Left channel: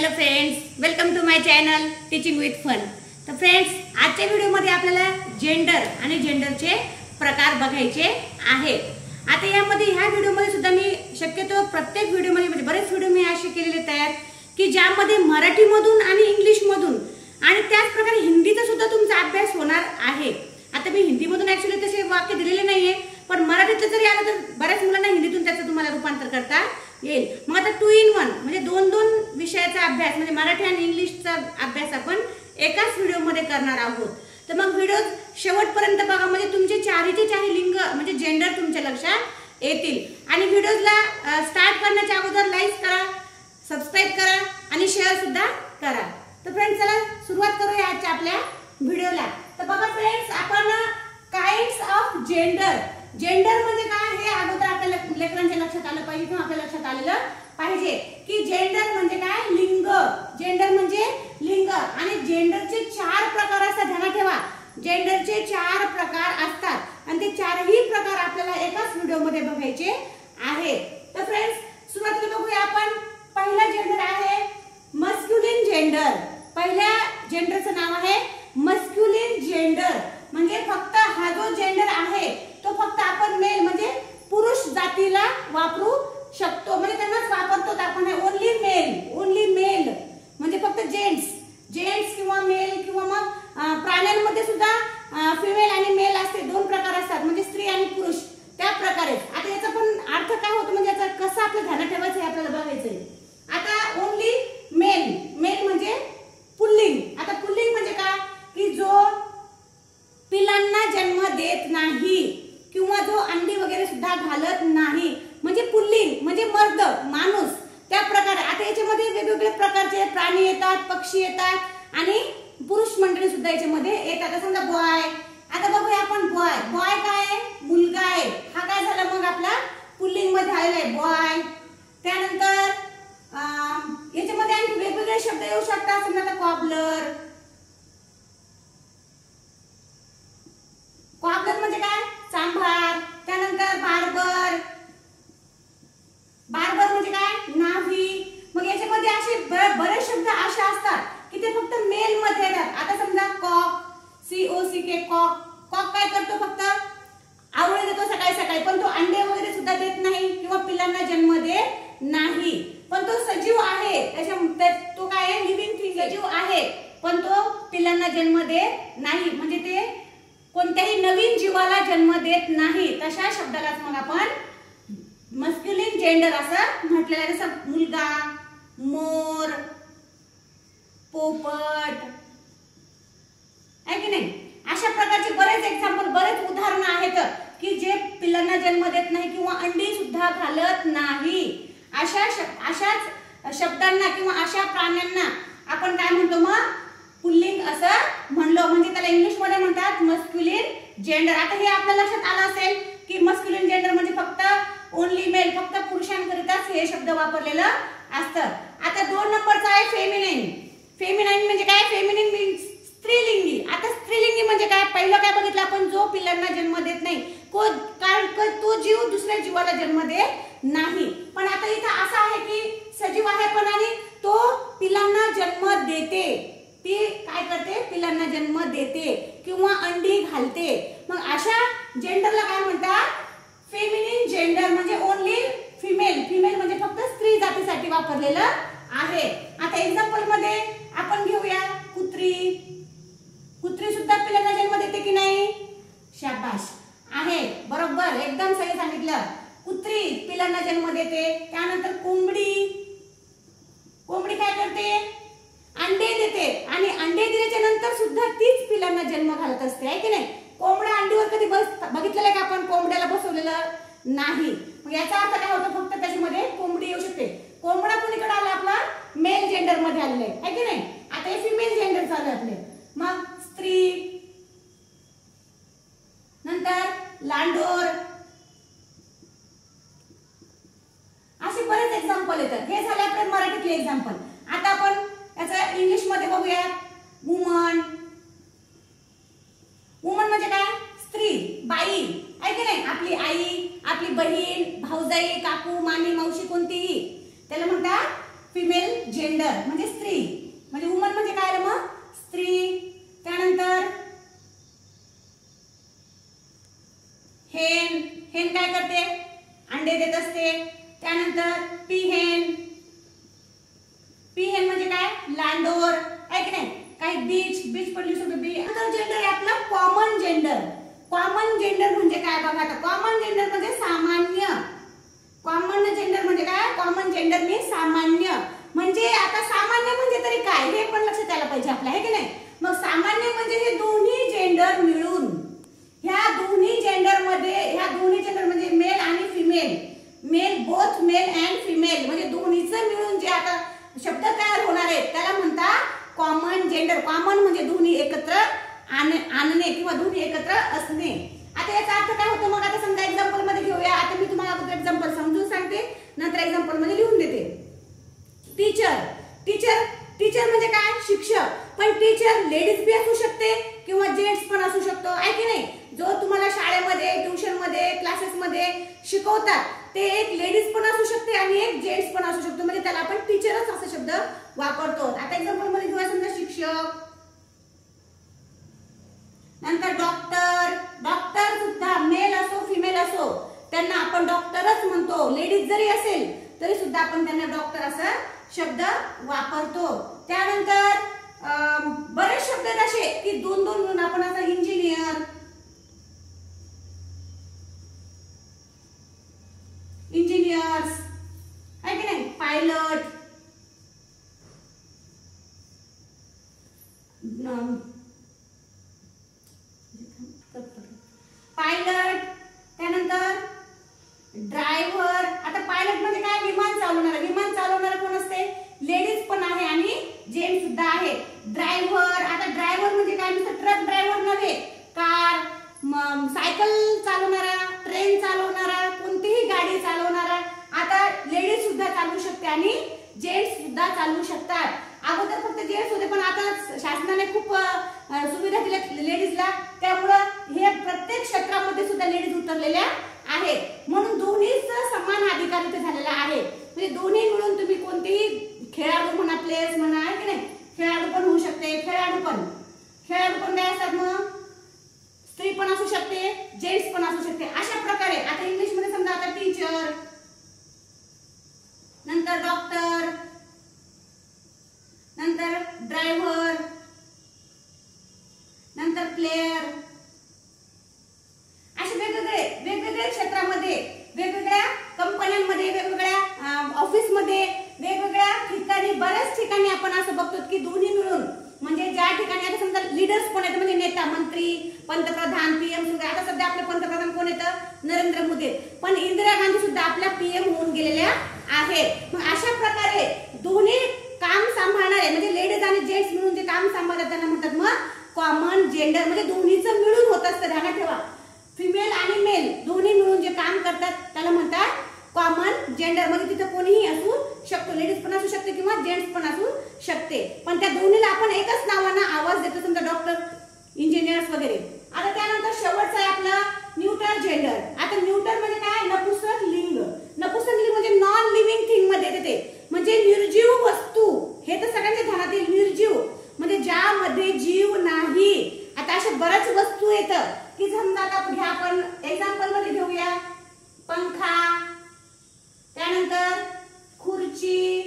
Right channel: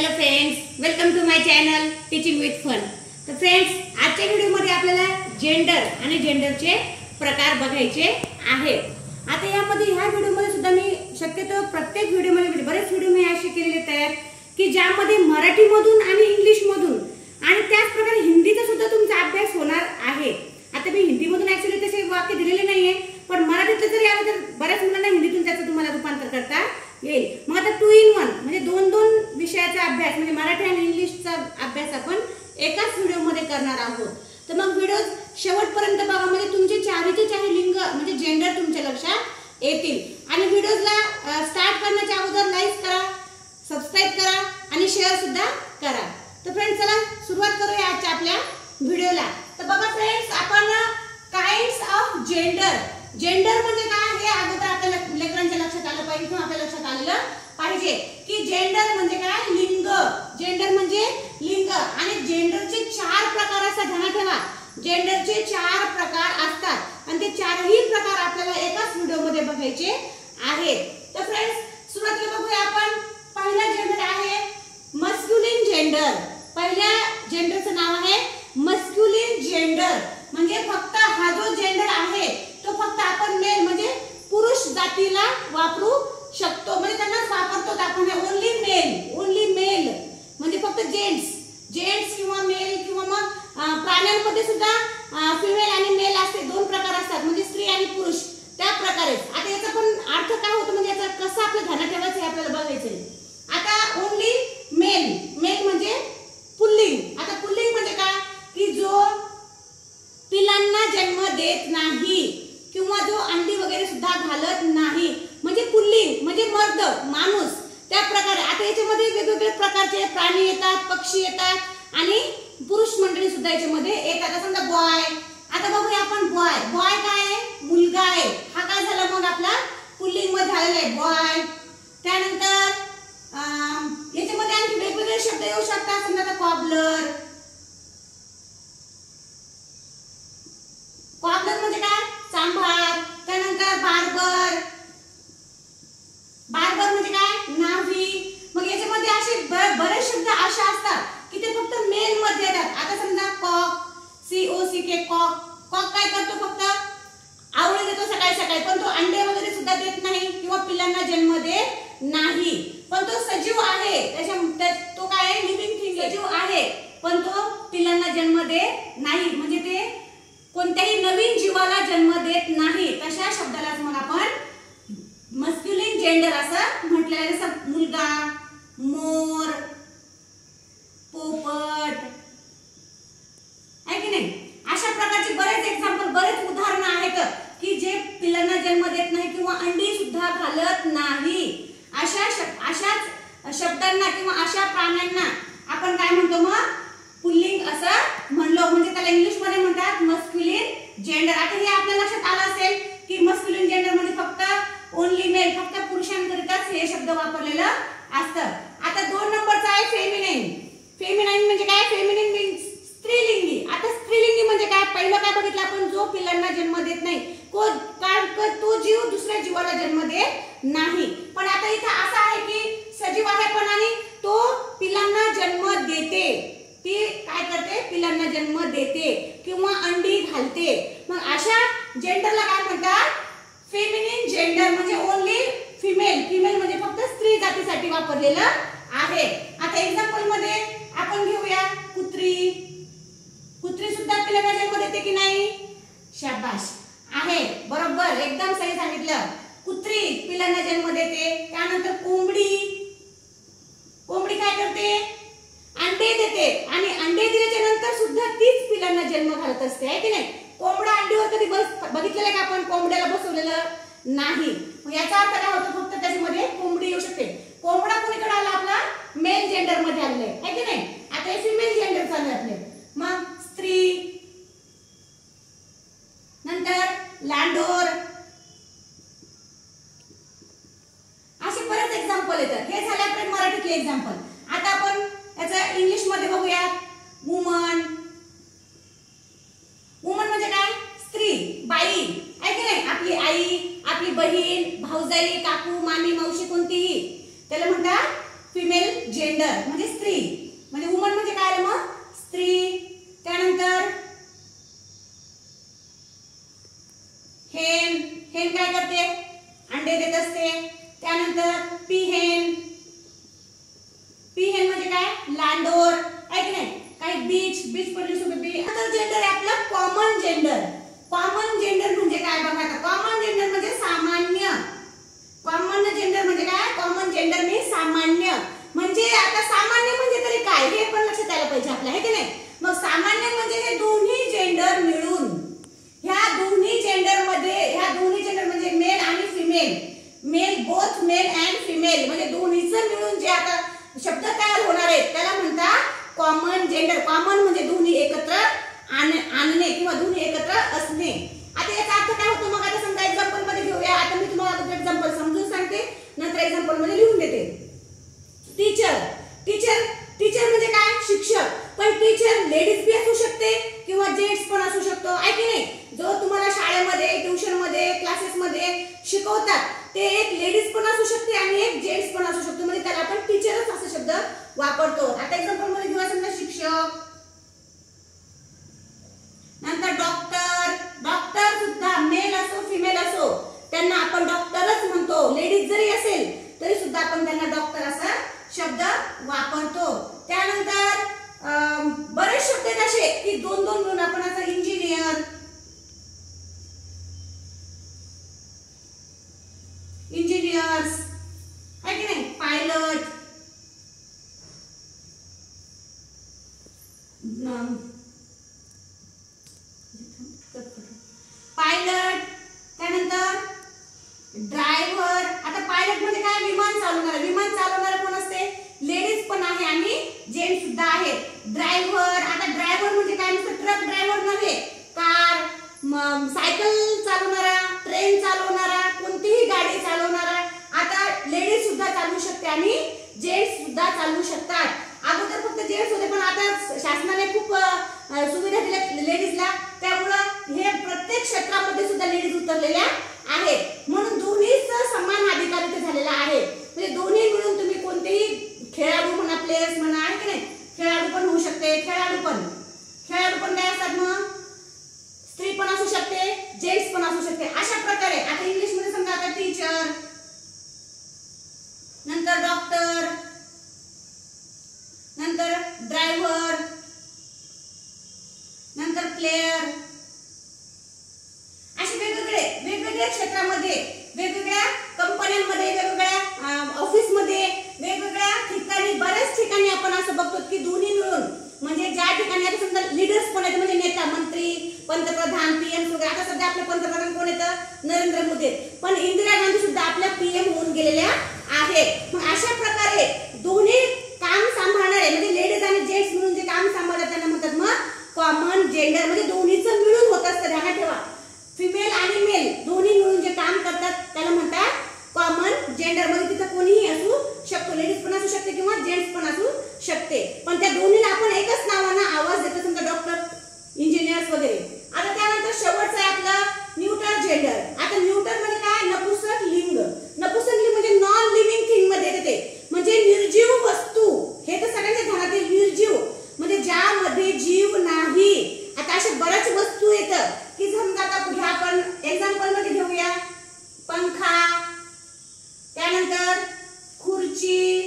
Hello friends, welcome to my channel teaching with fun. तर friends, आजच्या व्हिडिओमध्ये आपल्याला जेंडर आणि जेंडरचे प्रकार बघायचे आहेत। आता यामध्ये ह्या व्हिडिओमध्ये सुद्धा मी शक्यतो प्रत्येक व्हिडिओमध्ये म्हणजे बरेच व्हिडिओ मी असे केलेले तयार की ज्यामध्ये मराठीमधून आणि इंग्लिशमधून आणि त्याच प्रकारे हिंदीचा सुद्धा तुमचा अभ्यास होणार आहे। आता मी हिंदीमधून ऍक्च्युअली तसे वाक्य दिलेले नाहीये, पण मराठीतलं जरी आलं तर बऱ्याच मुलांना हिंदीतून त्याचं तुम्हाला रूपांतर करता येईल। मग आता 2 in 1 म्हणजे दोन विषयाचा अभ्यास म्हणजे मराठी आणि इंग्लिशचा अभ्यास आपण एकाच व्हिडिओमध्ये करणार आहोत। तर मग व्हिडिओ शेवटपर्यंत बघा, म्हणजे तुमचे चारीचे चारी लिंग म्हणजे जेंडर तुमच्या लक्षात येतील। आणि व्हिडिओला स्टार्ट करण्याच्या अगोदर लाईक करा, सबस्क्राइब करा आणि शेअर सुद्धा करा। तर फ्रेंड्स, चला सुरुवात करूया आजच्या आपल्या व्हिडिओला। तर बघा फ्रेंड्स, आपण काइंड्स ऑफ जेंडर, जेंडर म्हणजे काय हे अगोदर आपल्या लेकरांच्या लक्षात आलं पाहिजे किंवा आपल्या लक्षात आलेलं पाहिजे की जेंडर म्हणजे काय, लिंग। जेंडर म्हणजे लिंग आणि जेंडरचे 4 प्रकार असतात। ध्यानात ठेवा, जेंडरचे 4 प्रकार असतात आणि ते 4ही प्रकार आपल्याला एकाच व्हिडिओमध्ये बघायचे आहेत। तर फ्रेंड्स, सुरुवातीला बघूया आपण। पहिला जेंडर आहे मस्क्युलिन जेंडर। पहिल्या जेंडरचं नाव आहे मस्क्युलिन जेंडर, म्हणजे फक्त हा जो जेंडर आहे तो फक्त आपण मेल म्हणजे पुरुष जातीला वापरू शकतो, म्हणजे त्यांनाच वापरतो आपण हे ओन्ली मेल म्हणजे फक्त जेंट्स किंवा मेल किंवा मग प्राण्यांमध्ये सुद्धा फिमेल आणि मेल असे 2 प्रकार असतात, म्हणजे स्त्री आणि पुरुष त्या प्रकारे। आता याचा पण अर्थ काय होतो म्हणजे याचा कसं आपल्या ध्यानात ठेवायचं हे आपल्याला बघायचंय। आता ओन्ली मेल म्हणजे पुल्लिंग। आता पुल्लिंग म्हणजे काय की जो पिलांना जन्म देत नाही किंवा जो अंडी वगैरे सुद्धा घालत नाही, म्हणजे पुल्लिंग म्हणजे मर्द माणूस त्या प्रकारे। आता याच्यामध्ये वेगवेगळे प्रकारचे प्राणी येतात, पक्षी येतात आणि पुरुष मंडळी सुद्धा याच्यामध्ये येतात। आता समजा बॉय, आता बघूया आपण बॉय काय आहे, मुलगा आहे। हा काय झाला मग आपला पुल्लिंग मध्ये झालेला आहे बॉय। त्यानंतर याच्यामध्ये आणखी वेगवेगळे शब्द येऊ शकतात, समजा आता कॉबलर म्हणजे काय, सांभार। त्यानंतर बार्बर म्हणजे काय, नाभी। मग याच्यामध्ये असे बरेच शब्द असे असतात की ते फक्त मेल मध्ये येतात। आता समजा COCK कॉक काय करतो, फक्त आवळे देतो सकाळी सकाळी, पण तो अंडे वगैरे सुद्धा देत नाही किंवा पिलांना जन्म देत नाही, पण तो सजीव आहे। तो काय आहे, लिव्हिंग थिंग, सजीव आहे पण तो पिलांना जन्म देत नाही, म्हणजे ते कोणत्याही नवीन जीवाला जन्म देत नाही। तशा शब्दालाच मग आपण मस्क्युलिन जेंडर असं म्हटलेलं आहे। जसं मुलगा, मोर, पोपट आहे की नाही, अशा प्रकारचे बरेच एक्झाम्पल, बरेच उदाहरणं आहेत की जे पिलांना जन्म देत नाही किंवा अंडी सुद्धा घालत नाही। अशाच शब्दांना किंवा अशा प्राण्यांना आपण काय म्हणतो, मग पुल्लिंग असं म्हणलो, म्हणजे त्याला इंग्लिश मध्ये म्हणतात मस्क्युलिन जेंडर। आता हे आपल्या लक्षात आलं असेल की मस्क्युलिन जेंडर म्हणजे फक्त ओन्ली मेल, फक्त पुरुषांकरिताच हे शब्द वापरलेलं असतं। आता 2 नंबरचा आहे फेमिनाईन म्हणजे काय, फेमिनिन मीन्स स्त्रीलिंगी। आता स्त्रीलिंगी म्हणजे काय, पहिलं काय बघितलं आपण, जो पिलांना जन्म देत नाही, तो जीव दुसऱ्या जीवाला जन्म देत नाही। पण आता इथं असं आहे की सजीव आहे पण आणि तो पिलांना जन्म देते, ती काय करते, पिलांना जन्म देते किंवा अंडी घालते। मग अशा जेंडरला काय म्हणतात, फेमिनिन जेंडर, म्हणजे ओन्ली फिमेल म्हणजे फक्त स्त्री जातीसाठी वापरलेलं आहे। आता एक्झाम्पल मध्ये आपण घेऊया कुत्री सुद्धा पिलांना जन्म देते की नाही, शाबाश आहे, बरोबर, एकदम सही सांगितलं। कुत्री पिलांना जन्म देते। त्यानंतर कोंबडी काय करते, अंडे देते आणि अंडे दिल्याच्या नंतर सुद्धा तीच पिलांना जन्म घालत असते, आहे की नाही। कोंबडा अंडीवर कधी बघितलेलं आहे का आपण, कोंबड्याला बसवलेलं नाही। मग याचा अर्थ काय होतो, फक्त त्याच्यामध्ये कोंबडी येऊ शकते। कोंबडा कोणीकडे आला, आपला मेल जेंडर मध्ये आलेला आहे की नाही। आता हे फिमेल जेंडर चालू आपले। मग स्त्री, नंतर लांडोर, असे बरेच एक्झाम्पल येतात। हे झाले आपले मराठीतले एक्झाम्पल। आता आपण याचा इंग्लिश मध्ये बघूया। वुमन म्हणजे काय, स्त्री, बाई, आहे की नाही, आपली आई, आपली बहीण, भाऊजाई, काकू, मामी, मावशी कोणतीही, त्याला म्हणतात फिमेल जेंडर म्हणजे स्त्री, म्हणजे वुमन म्हणजे काय मग स्त्री. त्यानंतर हेन, हेन काय करते अंडे देत असते. त्यानंतर पीहेन, पीहेन म्हणजे काय लांडोर आहे की नाही. काही बीच, बीच पडली सुद्धा बी. आता जेंडर आहे आपलं कॉमन जेंडर. कॉमन जेंडर म्हणजे काय बघा आता. कॉमन जेंडर म्हणजे सामान्य. कॉमन जेंडर म्हणजे काय, कॉमन जेंडर मी सामान्य. म्हणजे आता सामान्य म्हणजे तरी काय हे पण लक्षात यायला पाहिजे आपल्या, आहे की नाही. मग सामान्य म्हणजे हे दोन्ही जेंडर मिळून, ह्या दोन्ही जेंडर मध्ये, ह्या दोन्ही जेंडर म्हणजे मेल आणि female, male both male and female म्हणजे दोन्हीचं मिळून जे आता शब्द तयार होणार आहेत त्याला म्हणतात कॉमन जेंडर. कॉमन म्हणजे दोन्ही एकत्र आणणे किंवा दोन्ही एकत्र असणे. आता याचा अर्थ काय होतो मग. आता समजा एक्झाम्पल मध्ये घेऊया. आता मी तुम्हाला एक्झाम्पल समजून सांगते, नंतर एक्झाम्पल मध्ये लिहून देते. टीचर, टीचर, टीचर म्हणजे काय शिक्षक. पण टीचर लेडीज बी असू शकते किंवा जेंट्स पण असू शकतो, आहे की नाही. जो तुम्हाला शाळेमध्ये, ट्युशन मध्ये, क्लासेस मध्ये शिकवतात ते एक लेडीज पण असू शकते आणि एक जेंट्स पण असू शकतो, म्हणजे त्याला आपण टीचरच असा शब्द वापरतो. आता एक्झाम्पल मध्ये घेऊया समजा शिक्षक. नंतर डॉक्टर, डॉक्टर सुद्धा मेल असो फिमेल असो त्यांना आपण डॉक्टरच म्हणतो. लेडीज जरी असेल तरी सुद्धा आपण त्यांना डॉक्टर असा शब्द वापरतो. त्यानंतर बरेच शब्द आहेत असे की दोन दोन मिळून आपण आता इंजिनियर, इंजिनियर्स आहे की नाही. Pilot, pilot. त्यानंतर ड्रायव्हर. आता पायलट म्हणजे काय विमान चालवणारा. विमान चालवणारा कोण असते लेडीज पण आहे आणि जेंट्स सुद्धा आहे. ड्रायव्हर, आता ड्रायव्हर म्हणजे काय नुसतं ट्रक ड्रायव्हर नव्हे, कार, सायकल चालवणारा, ट्रेन चालवणारा, कोणतीही गाडी चालवणारा. आता लेडीज सुद्धा चालवू शकते आणि जेंट्स सुद्धा चालवू शकतात. अगोदर फक्त जेंट्स होते पण आता शासनाने खूप सुविधा दिल्या लेडीजला, त्यामुळं हे प्रत्येक क्षेत्रामध्ये सुद्धा लेडीज उतरलेल्या आहेत. म्हणून दोन्हीच समान अधिकार इथे झालेला आहे. म्हणजे दोन्ही मिळून तुम्ही कोणतेही खेळाडू म्हणा, प्लेयर्स म्हणा, आहे की नाही. खेळाडू पण होऊ शकते. खेळाडू पण काय असतात मग स्त्री पण असू शकते, जेंट्स पण असू शकते. अशा प्रकारे आता इंग्लिश मध्ये समजा आता टीचर, नंतर डॉक्टर, नंतर ड्रायव्हर, नंतर प्लेयर. असे वेगवेगळ्या क्षेत्रामध्ये, वेगवेगळ्या कंपन्यांमध्ये, वेगवेगळ्या ऑफिसमध्ये, वेगवेगळ्या ठिकाणी, बऱ्याच ठिकाणी आपण असं बघतो की दोन्ही मिळून, म्हणजे ज्या ठिकाणी आता समजा लीडर्स पण आहेत म्हणजे नेता, मंत्री, पंतप्रधान, पीएम सुद्धा. आता सध्या आपले पंतप्रधान कोण येतं नरेंद्र मोदी, पण इंदिरा गांधी सुद्धा आपल्या पीएम होऊन गेलेल्या आहेत. मग अशा प्रकारे दोन्ही काम सांभाळणारे म्हणजे लेडीज आणि जेंट्स मिळून जे काम सांभाळतात त्यांना म्हणतात मग कॉमन जेंडर. म्हणजे दोन्हीचं मिळून होत असतं. ध्यानात ठेवा, फिमेल आणि मेल दोन्ही मिळून जे काम करतात त्याला म्हणतात कॉमन जेंडर. म्हणजे तिथं कोणीही असू शकतो, लेडीज पण असू शकते किंवा जेंट्स पण असू शकते, पण त्या दोन्हीला आपण एकच नावानं आवाज देतो, समजा डॉक्टर, इंजिनियर्स वगैरे. आता त्यानंतर शेवटचं आहे आपलं न्यूट्रल जेंडर. आता न्यूट्रल म्हणजे काय नपुंसक लिंग. नपुंसक लिंग म्हणजे नॉन लिव्हिंग थिंग मध्ये येते, म्हणजे निर्जीव वस्तू. हे तर सगळ्यांच्या ध्यानात आहे. निर्जीव म्हणजे ज्यामध्ये जीव नाही. आता अशा बऱ्याच वस्तू येतात की समजा आता घ्या आपण एक्झाम्पल मध्ये घेऊया पंखा, त्यानंतर खुर्ची,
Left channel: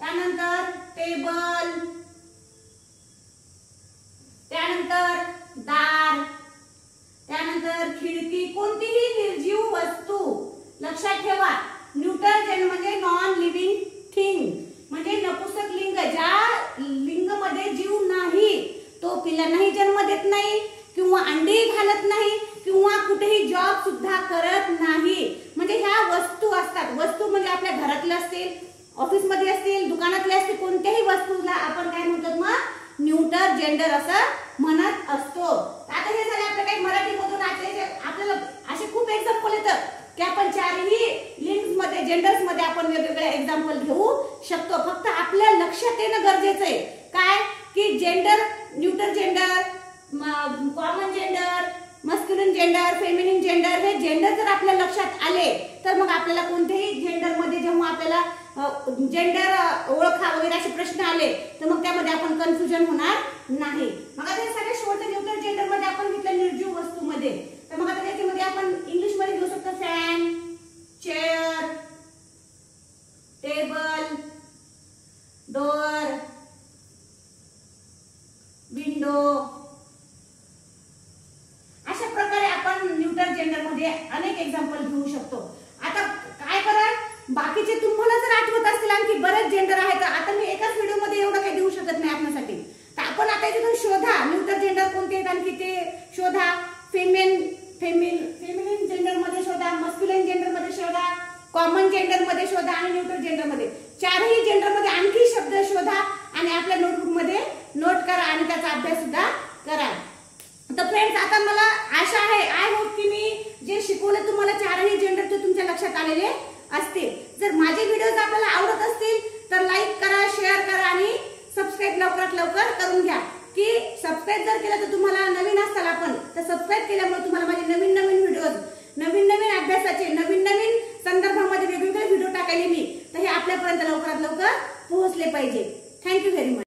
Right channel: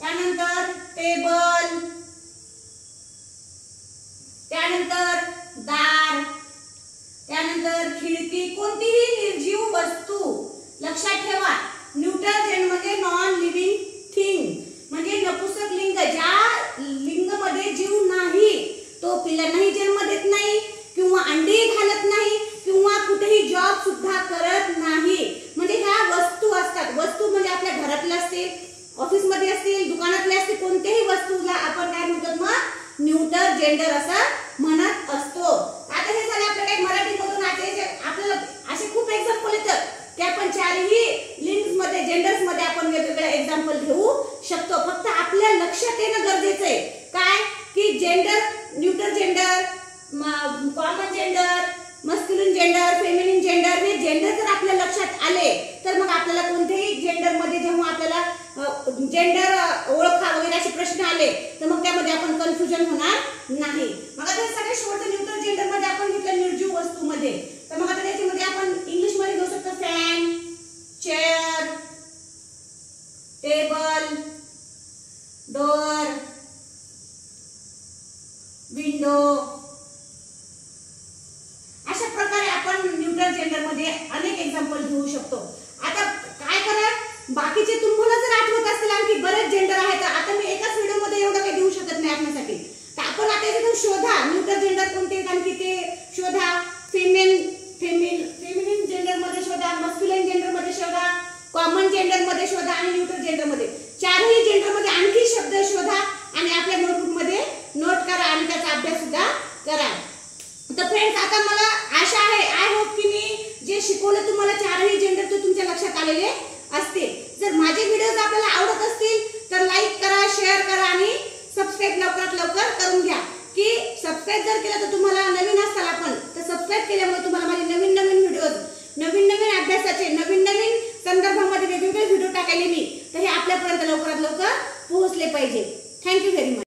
त्यानंतर टेबल, त्यानंतर दार, त्यानंतर खिडकी. कोणतीही निर्जीव वस्तू. लक्षात ठेवा न्यूट्रल जेंडर म्हणजे नॉन लिव्हिंग थिंग, म्हणजे नपुंसक लिंग. ज्या लिंग मध्ये जीव नाही, तो पिल्लांनाही जन्म देत नाही किंवा अंडे घालत नाही किंवा कुठेही जॉब सुद्धा करत नाही. म्हणजे ह्या वस्तू असतात. वस्तू म्हणजे आपल्या घरातल्या असतील, ऑफिस मध्ये असतील, दुकानातले असतील, कोणत्याही वस्तूला आपण काय म्हणतो मग न्यूट्रल जेंडर असं म्हणत असतो. आता हे झालं आपलं काही मराठी मधून. आपल्याला असे खूप एक्झाम्पल येतात की आपण चारही लिंग्स मध्ये, जेंडर्स मध्ये आपण वेगवेगळे एक्झाम्पल घेऊ शकतो. फक्त आपल्या लक्षात येणं गरजेचं आहे काय की gender, neutral gender, common gender, masculine gender, feminine gender, हे जेंडर जर आपल्या लक्षात आले तर मग आपल्याला कोणत्याही जेंडर मध्ये जेव्हा आपल्याला जेंडर ओळखा वगैरे असे प्रश्न आले तर मग त्यामध्ये आपण कन्फ्युजन होणार नाही. मग आता हे सगळे शेवटचं न्यूट्रल जेंडर मध्ये आपण घेतलं निर्जीव वस्तूमध्ये. तर मग आता त्याच्यामध्ये आपण इंग्लिश मध्ये घेऊ शकतो fan, chair, table, door, window. अशा प्रकारे आपण न्यूट्रल जेंडर मध्ये अनेक एक्झाम्पल घेऊ शकतो. आता काय करा, बाकीचे तुम्हाला जर आठवत असतील आणखी बरेच जेंडर आहेत, आता मी एकाच व्हिडिओ मध्ये एवढं काही देऊ शकत नाही आपल्यासाठी. तर आपण आता इथून शोधा न्यूट्रल जेंडर कोणते आहेत आणखी ते शोधा. फेमिनिन जेंडर मध्ये शोधा, मस्क्युलिन जेंडर मध्ये शोधा, कॉमन जेंडर मध्ये शोधा आणि न्यूट्रल जेंडर मध्ये. चारही जेंडर मध्ये आणखी शब्द शोधा आणि आपल्या नोटबुक मध्ये नोट करा आणि त्याचा अभ्यास सुद्धा करा. तर फ्रेंड्स, आता मला आशा आहे, आय होप की मी जे शिकवले तुम्हाला चारही जेंडर ते तुमच्या लक्षात आलेले असतील. जर माझे व्हिडिओज आपल्याला आवडत असतील तर लाईक करा, शेअर करा आणि सबस्क्राईब लवकरात लवकर करून घ्या. की सबस्क्राईब जर केलं तर तुम्हाला नवीन असाल आपण, तर सबस्क्राईब केल्यामुळे तुम्हाला माझे नवीन नवीन व्हिडिओज, नवीन नवीन अभ्यासाचे, नवीन नवीन संदर्भामध्ये वेगवेगळे व्हिडिओ टाकायले मी, तर हे आपल्यापर्यंत लवकरात लवकर पोहोचले पाहिजे. Thank you very much.